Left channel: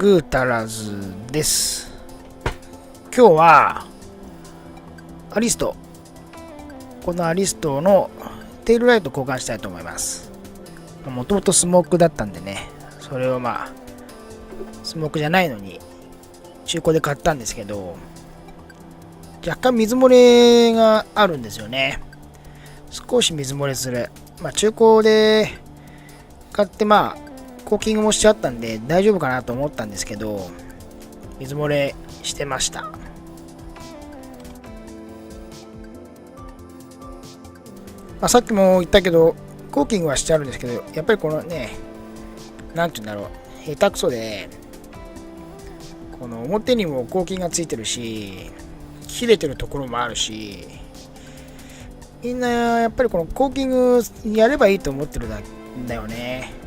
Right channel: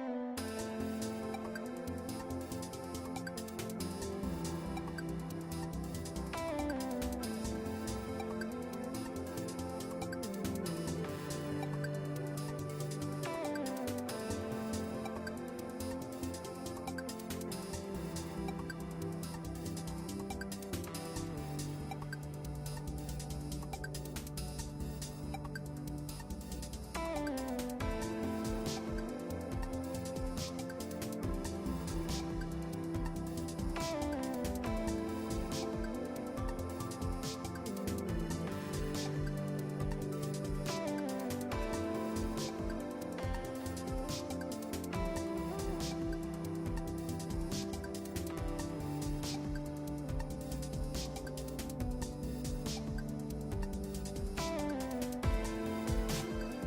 グータラズです。今日はアリスト、このアリストのテールライト交換したいと思います。もともとスモークだったんでね、それをスモークじゃないのに中古で買ったんですけど、若干水漏れがあるんですよね。少し水漏れする。中古で買ってコーキングもしちゃったんで大丈夫かなと思ったんですけど、水漏れしてました。さっきも言ったけどコーキングはしてあるんですけど、やっぱりこのね、なんて言うんだろう、下手くそで、この表にもコーキングがついてるし、切れてるところもあるし、みんなやっぱりこのコーキングやればいいと思ってるんだよね。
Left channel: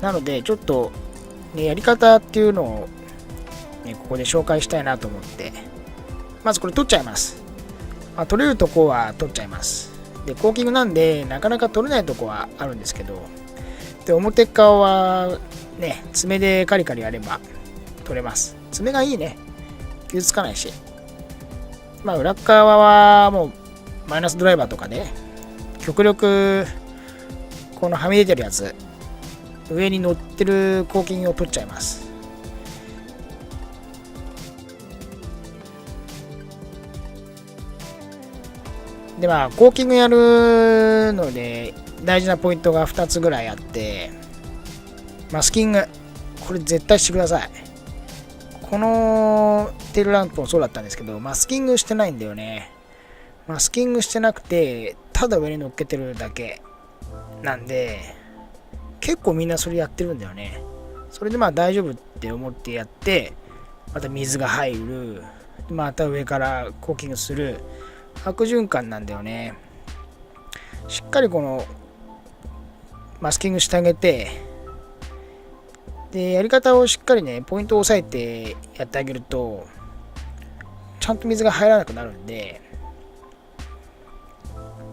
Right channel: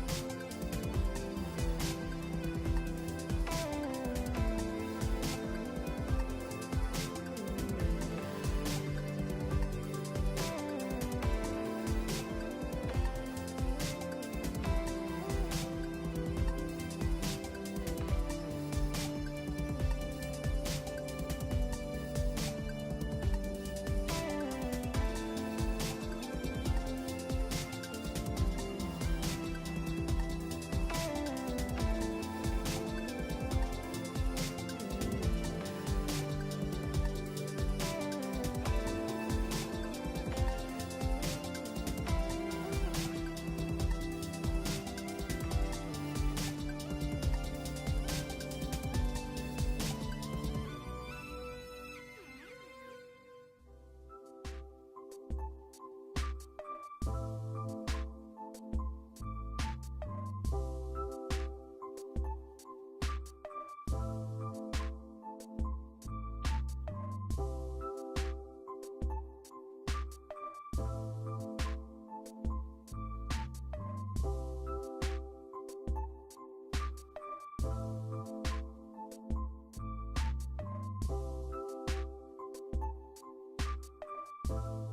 なのでちょっと、やり方っていうのを、ここで紹介したいなと思って、まずこれ取っちゃいます。取れるとこは取っちゃいます。でコーキングなんでなかなか取れないとこはあるんですけど、で表側はね、爪でカリカリやれば取れます。爪がいいね、傷つかないし、裏側はもうマイナスドライバーとかで極力このはみ出てるやつ、上に乗ってるコーキングを取っちゃいます。でコーキングやるので大事なポイントが2つぐらいあって、マスキング、これ絶対してください。このテールランプもそうだったんですけど、マスキングしてないんだよね。マスキングしてなくてただ上に乗っけてるだけなんで、結構みんなそれやってるんだよね。それで大丈夫って思ってやって、また水が入る、また上からコーキングする、悪循環なんだよね。しっかりこのマスキングしてあげて、でやり方をしっかりね、ポイントを押さえてやってあげるとちゃんと水が入らなくなるんで、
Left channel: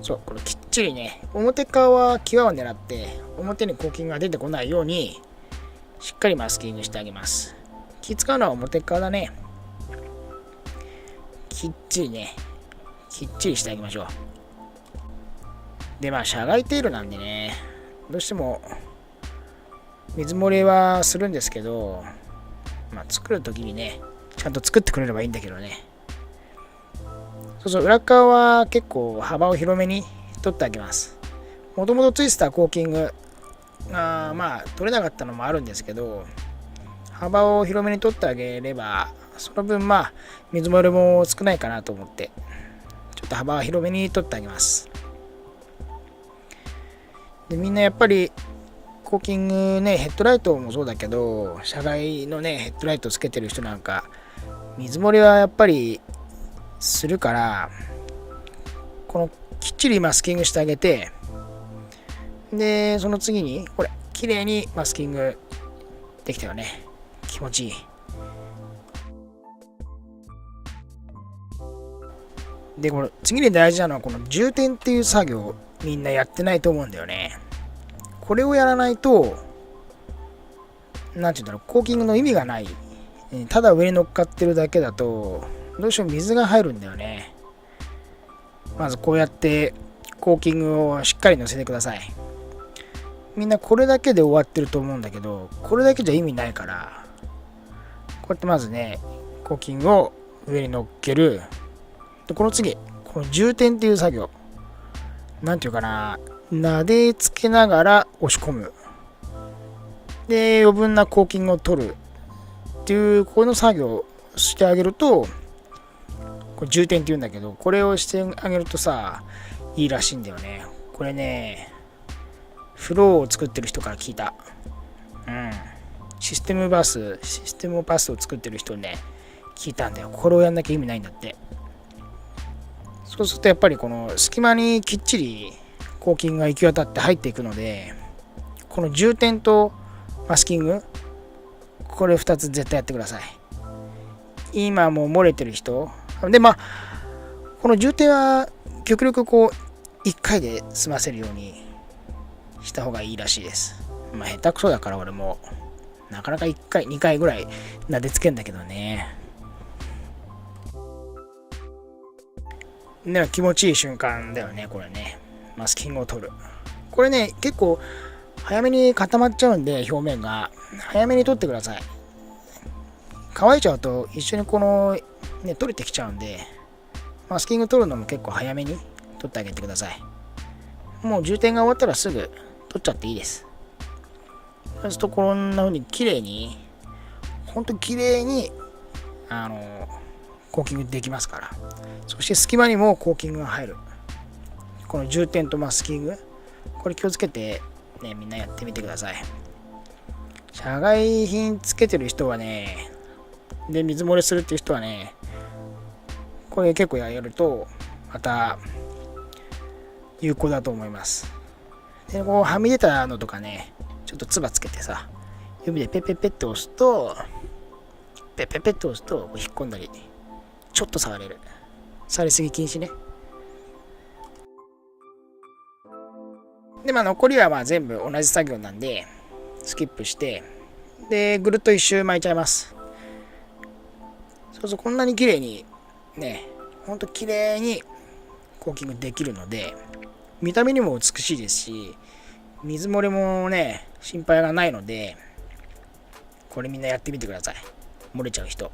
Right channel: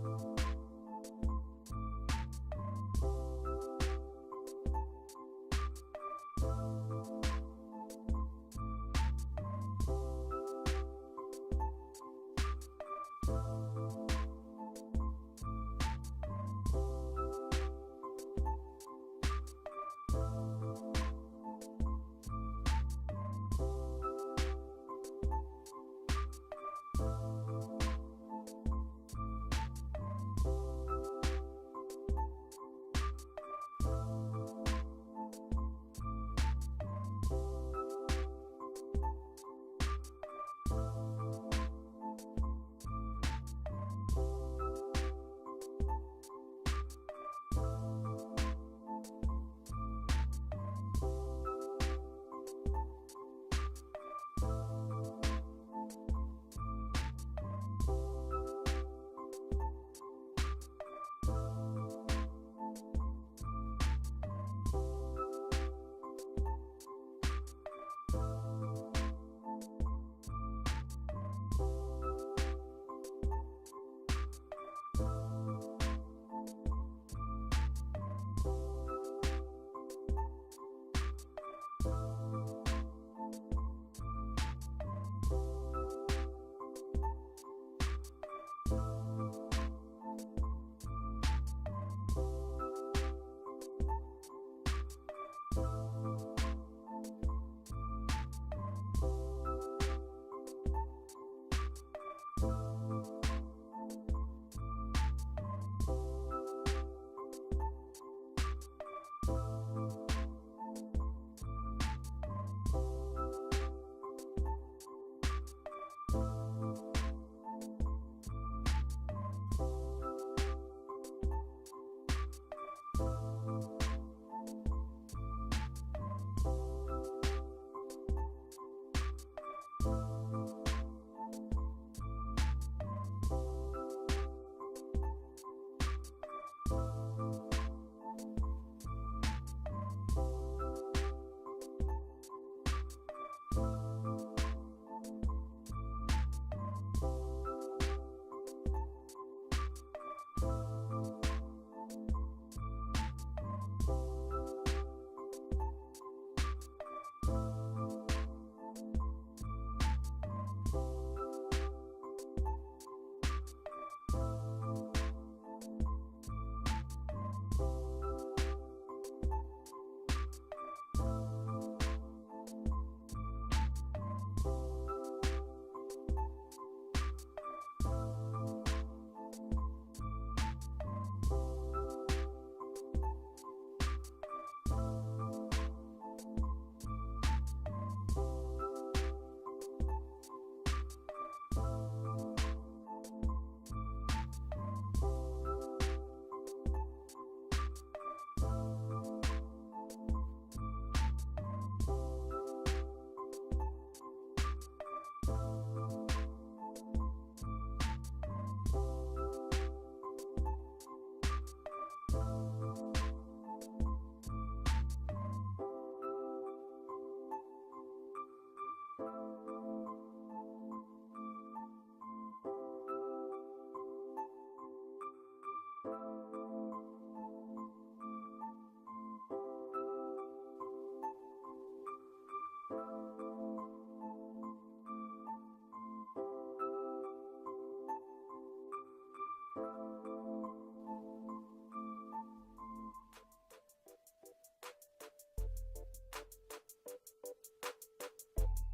そう、これきっちりね、表側は際を狙って表にコーキングが出てこないようにしっかりマスキングしてあげます。気使うのは表側だね。きっちりね、きっちりしてあげましょう。で遮害テールなんでね、どうしても水漏れはするんですけど、作るときにね、ちゃんと作ってくれればいいんだけどね。裏側は結構幅を広めに取ってあげます。もともとついてたコーキングが取れなかったのもあるんですけど、幅を広めに取ってあげればその分水漏れも少ないかなと思って、ちょっと幅を広めに取ってあげます。でみんなやっぱりコーキングね、ヘッドライトもそうだけど、車外のねヘッドライトつけてる人なんか水漏れはやっぱりするから、このきっちりマスキングしてあげて、でその次にこれ綺麗にマスキングできたよね。気持ちいい。でこの次に大事なのはこの充填っていう作業、みんなやってないと思うんだよね。これをやらないと、なんていうんだろう、コーキングの意味がない。ただ上に乗っかってるだけだとどうしても水が入るんだよね。まずこうやってコーキングをしっかり乗せてください。みんなこれだけで終わってると思うんだけど、これだけじゃ意味ないから、こうやってまずね、コーキングを上に乗っける。でこの次、この充填っていう作業、なんていうかな、撫でつけながら押し込む。で余分なコーキングを取るっていうこの作業をしてあげると、これ充填っていうんだけど、これをしてあげるといいらしいんだよね。これね、フローを作ってる人から聞いた。システムパスを作ってる人にね、聞いたんだよ。これをやんなきゃ意味ないんだって。そうするとやっぱりこの隙間にきっちりコーキングが行き渡って入っていくので、この充填とマスキング、これ2つ絶対やってください。今もう漏れてる人で、この充填は極力1回で済ませるようにした方がいいらしいです。下手くそだから俺もなかなか1回、2回ぐらい撫でつけんだけどね。ね、気持ちいい瞬間だよね、これね。マスキングを取る。これね、結構早めに固まっちゃうんで、表面が。早めに取ってください。乾いちゃうと一緒にこの、ね、取れてきちゃうんで、マスキング取るのも結構早めに取ってあげてください。もう充填が終わったらすぐ取っちゃっていいです。そうするとこんな風に綺麗に、ほんと綺麗にコーキングできますから。そして隙間にもコーキングが入る。この充填とマスキング、これ気をつけて、ね、みんなやってみてください。社外品つけてる人はね、で水漏れするっていう人はね、これ結構やるとまた有効だと思います。でこうはみ出たのとかね、ちょっとつばつけてさ、指でペッペッペッって押すとペッペッペッって押すと引っ込んだり、ちょっと触れる。触りすぎ禁止ね。で残りは全部同じ作業なんでスキップして、でぐるっと一周巻いちゃいます。そうそう、こんなに綺麗にね、ほんと綺麗にコーキングできるので、見た目にも美しいですし、水漏れもね心配がないので、これみんなやってみてください。漏れちゃう人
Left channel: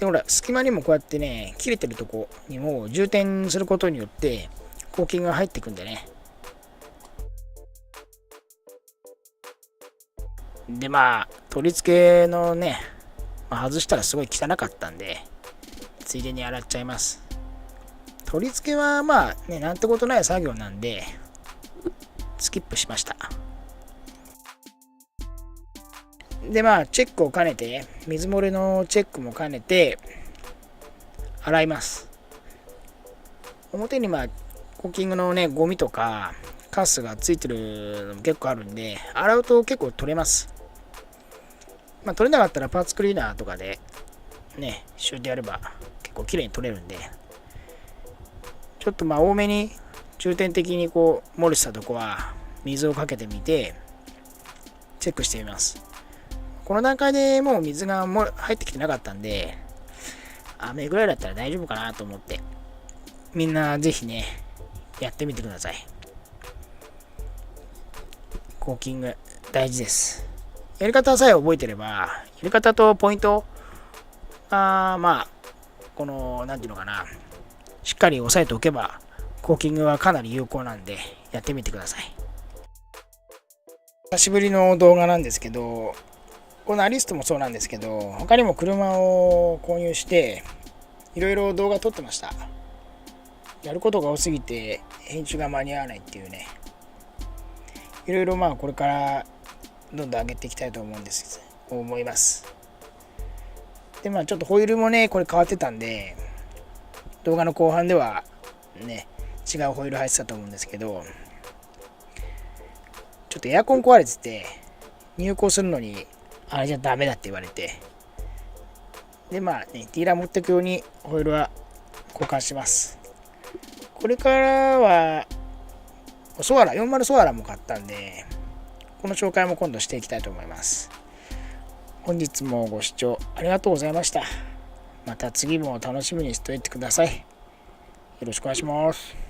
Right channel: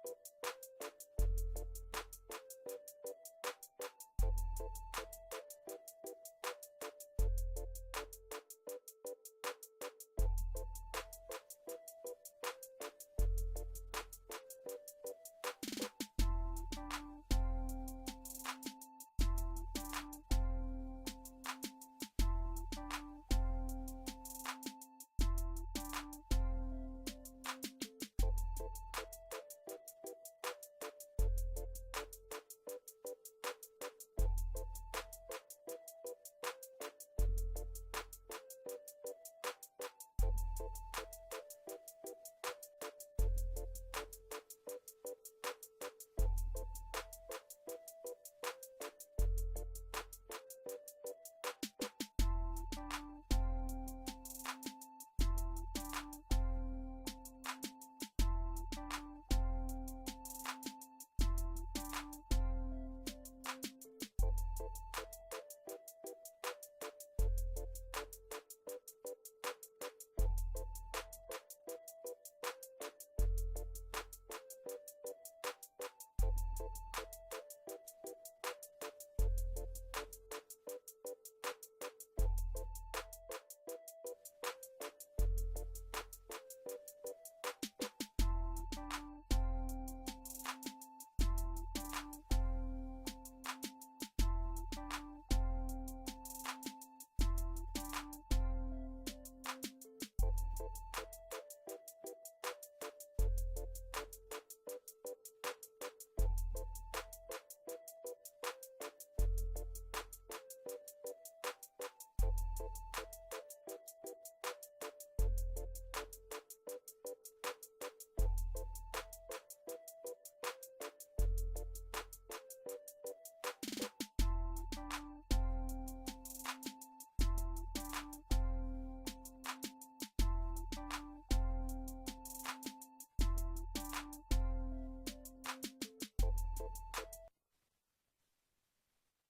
で、ほら隙間にもこうやってね、切れてるとこにも充填することによってコーキングが入ってくんでね。で取り付けのね、外したらすごい汚かったんでついでに洗っちゃいます。取り付けはね、なんてことない作業なんでスキップしました。でチェックを兼ねて、水漏れのチェックも兼ねて洗います。表にコーキングのねゴミとかカスがついてるのも結構あるんで、洗うと結構取れます。取れなかったらパーツクリーナーとかでねシューってやれば結構綺麗に取れるんで、ちょっと多めに重点的にこう漏れしたとこは水をかけてみてチェックしてみます。この段階でもう水が入ってきてなかったんで、雨ぐらいだったら大丈夫かなと思って、みんなぜひねやってみてください。コーキング大事です。やり方さえ覚えてれば、やり方とポイントこのなんていうのかな、しっかり押さえておけばコーキングはかなり有効なんでやってみてください。久しぶりの動画なんですけど、このアリストもそうなんですけど、他にも車を購入していろいろ動画撮ってました。やることが多すぎて編集が間に合わないっていうね、いろいろこれからどんどん上げていきたいと思います。でちょっとホイールもねこれ変わってたんで、動画の後半ではね違うホイール入ってたと思うんですけど、ちょっとエアコン壊れてて入庫するのにあれじゃダメだって言われて、でディーラー持ってくようにホイールは交換します。これからはソアラ40ソアラも買ったんで、この紹介も今度していきたいと思います。本日もご視聴ありがとうございました。また次も楽しみにしておいてください。よろしくお願いします。